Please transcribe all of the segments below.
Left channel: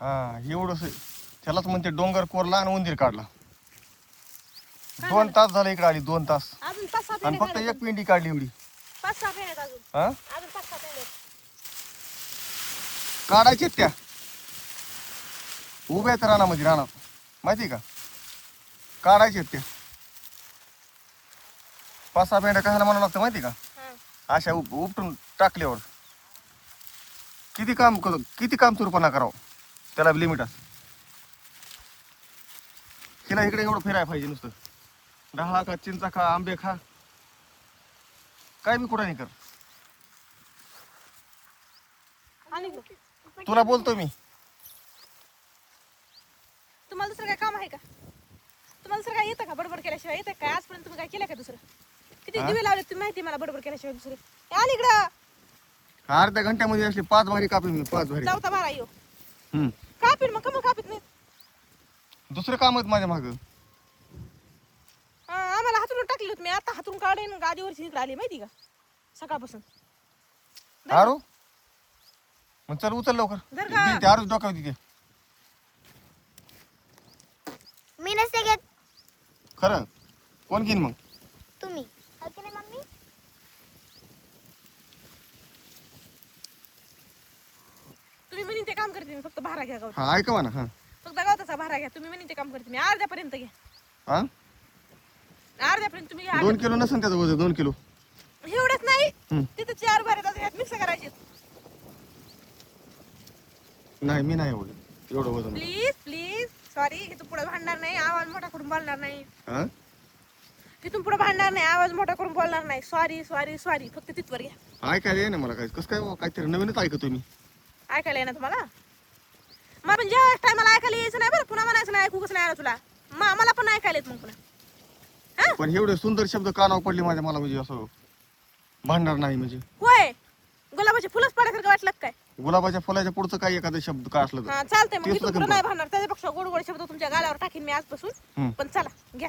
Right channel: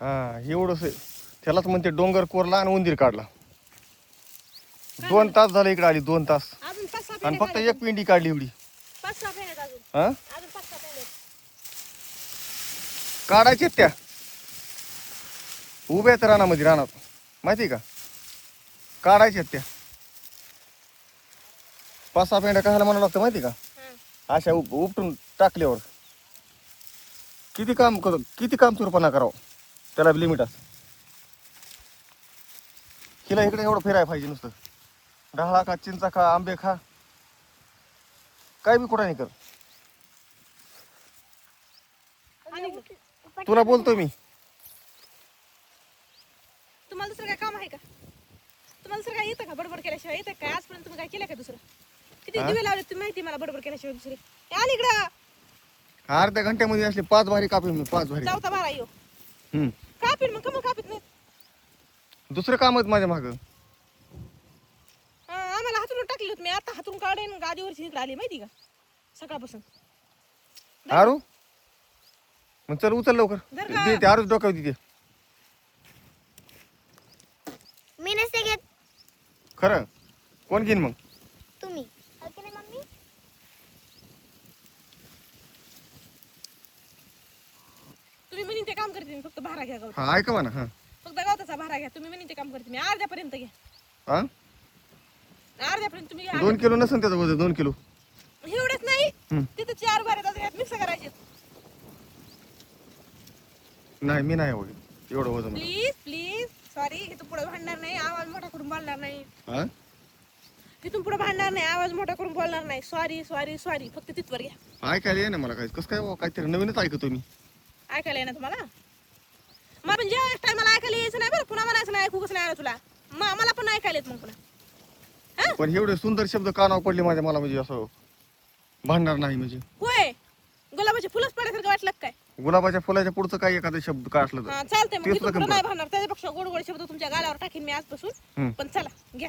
हा एवढंच त्यालाच म्हणते डोंगर कोरला आणि उंदीर काढला. 2 तास झाले इकडे आली 2 तास अजून 5-6 आणि पेंड्या फक्त एक पिंडी काढली एवढी. 5-6 पेंड्यात अजून हा अजून 5-6 पेंड्यात. काढायच्या त्या उभ्या आहेत रानामध्ये रानात माहिती का काढायच्या त्या 5-6 पेंड्या कशाला म्हणावं लागतं माहिती का अशा उपटून टाकल्यावर किती काम सुरूपणा करावं त्याला लिमिट असतं. तिला इकडे एवढं फिरायला पाहिजे नुसतं ढाळा खा चिंचा खा आंबे खा काय बी कुठं नाही कर. आणि तुला बोलतो मी तुम्हाला दुसरं काय काम आहे का? तुम्हाला दुसरं काय येतं का? बडबड केल्याशिवाय येतं काय? आजपर्यंत तुम्ही काय केलं का दुसरं? किती दिवे लावले तुम्ही माहिती मला बडबड केल्याशिवाय दुसरे. आली इकडं अर्ध्या घंट्यामध्ये असले 5 भारी कापीन मी 5 भारी. चौथा बारा येऊ हम्म कापीन मग कमल कापीत नाही. दुसरं काम आहेत माझ्या मागं. आम्हाला हातून टाकली होती मी आता हातून काढेन गादीवरची इकडे आली माहिती का सकाळपासून. आरू मग चल उचल लवकर जर का- ते आरूच डोक्यावर तिथे मी नसते घेत. खरं कोण घेईन मग तुम्ही ओके ना मम्मी. तुम्ही म्हणून ते काम करते मी फक्त भारा घ्या गावात. हा ऐकावा ना हा फक्त गावाचा भारा घ्या तुम्ही म्हणून ते काम करते मी अर्ध्यापर्यंत घ्या. हा अर्ध्यापर्यंत तुम्ही घ्या. 2 किलो नसेल त्याचं वजन 2 किलो. एवढंच नाही हम्म. तिथे 4 भारे मिक्स करायचे. नाही मी नाही एवढं वजन. प्लीज प्लीज सॉरी इथून पुढे भांडणार नाही आवाज मोठा करून बोलणार नाही. हा इथून पुढे भांडणार नाही आवाज मोठा करून बोलणार नाही. सॉरी सॉरी सॉरी फक्त तिथवर घ्या. ऐकायला ये ना मला काय कसं काय काहीतरी नवीनच ऐकतो मी. ऐकायला येणार तुम्हाला मग पण ज्या टायमाला ऐकायला यायचं नाही बरं पुन्हा म्हणायचं नाही ऐकू कसं नाही आलं तुला मला पण ऐकायला येत मग पुन्हा. पण एवढे सुंदर शब्द कानावर पडले माझ्या मला म्हणजे असं भांडणार नाही म्हणजे. होय गुलाबाचे फुलंच पडायसारखं वाटलं का काय? गुलाबाच्या फुलाच्या पुढचं काय एखादा शब्द काय असलं तर हा चालतंय मग तेच इथून लग्न पुढे कर. नाही भांडणार त्याच्यापेक्षा गोड गोड शब्द तुमच्या गालावर टाकीन मी आजपासून. हम्म. पण चला घ्या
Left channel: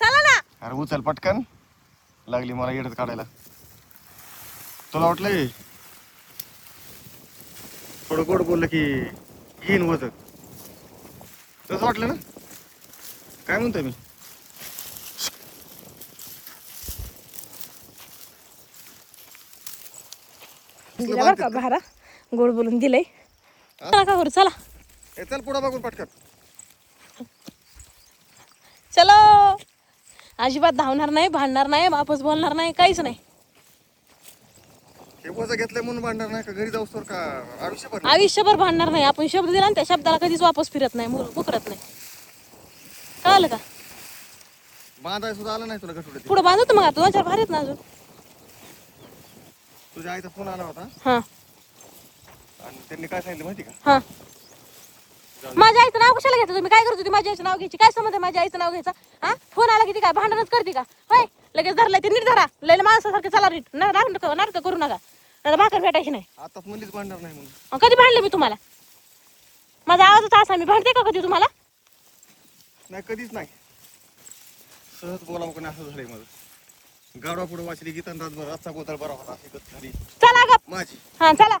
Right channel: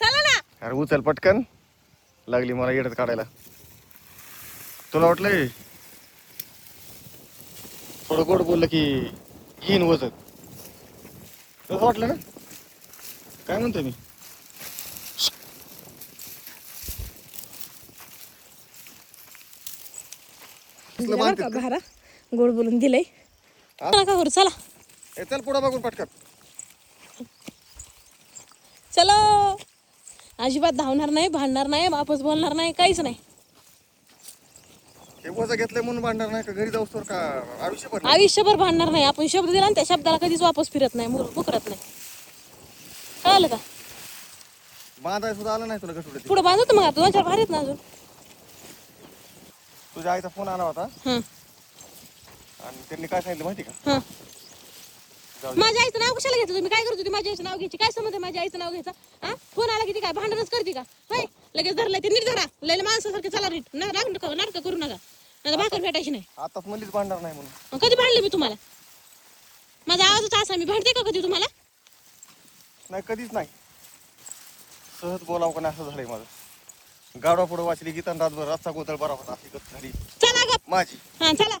चला ना. अरे उचल पटकन लागली मला येडत काढायला. तुला वाटलंय थोडं गोड बोललं की येईन वजन तसं वाटलं ना काय म्हणतो मी. दिला बरं का भारा गोड बोलून दिलंय. चला का करू चला ए, चल पुढं बघून पटकन. चलो अजिबात धावणार नाही भांडणार नाही वापस बोलणार नाही काहीच नाही. हे वजन घेतलंय म्हणून भांडणार नाही का घरी जाऊस तर का आयुष्यभर. आयुष्यभर भांडणार नाही. आपण शब्द दिला आणि त्या शब्दाला कधीच वापस फिरत नाही मुकरत नाही. कळालं का? बांधाय सुद्धा आलं नाही तुला गठुडे. पुढे बांधतो मग आता 2-4 भारीत ना अजून. तुझ्या आईचा फोन आला होता हा आणि त्यांनी काय सांगितलं माहिती का. हा जाऊ दे. माझ्या आईचं नाव कशाला घ्यायचं तुम्ही? काय करत होती माझ्या आईचं नाव घ्यायची? काय संबंध आहे माझ्या आईचं नाव घ्यायचं? हा फोन आला किती काय भांडणच करते का? होय लगेच धरलाय ते नीट धरा लय माणसासारखे चला नीट नाटक करू नका नाही भाकर भेटायची नाही. आताच म्हणलीच भांडणार नाही म्हणून. कधी भांडले मी तुम्हाला? माझा आवाजच असा मी भांडते का कधी तुम्हाला? नाही कधीच नाही. सहज बोलावं का नाही असं झालंय माझं. गाडवा पुढे वाचली गीता रातभर रस्ता गोतळ बरा होता अशी गत झाली चला ग माझी. हा चला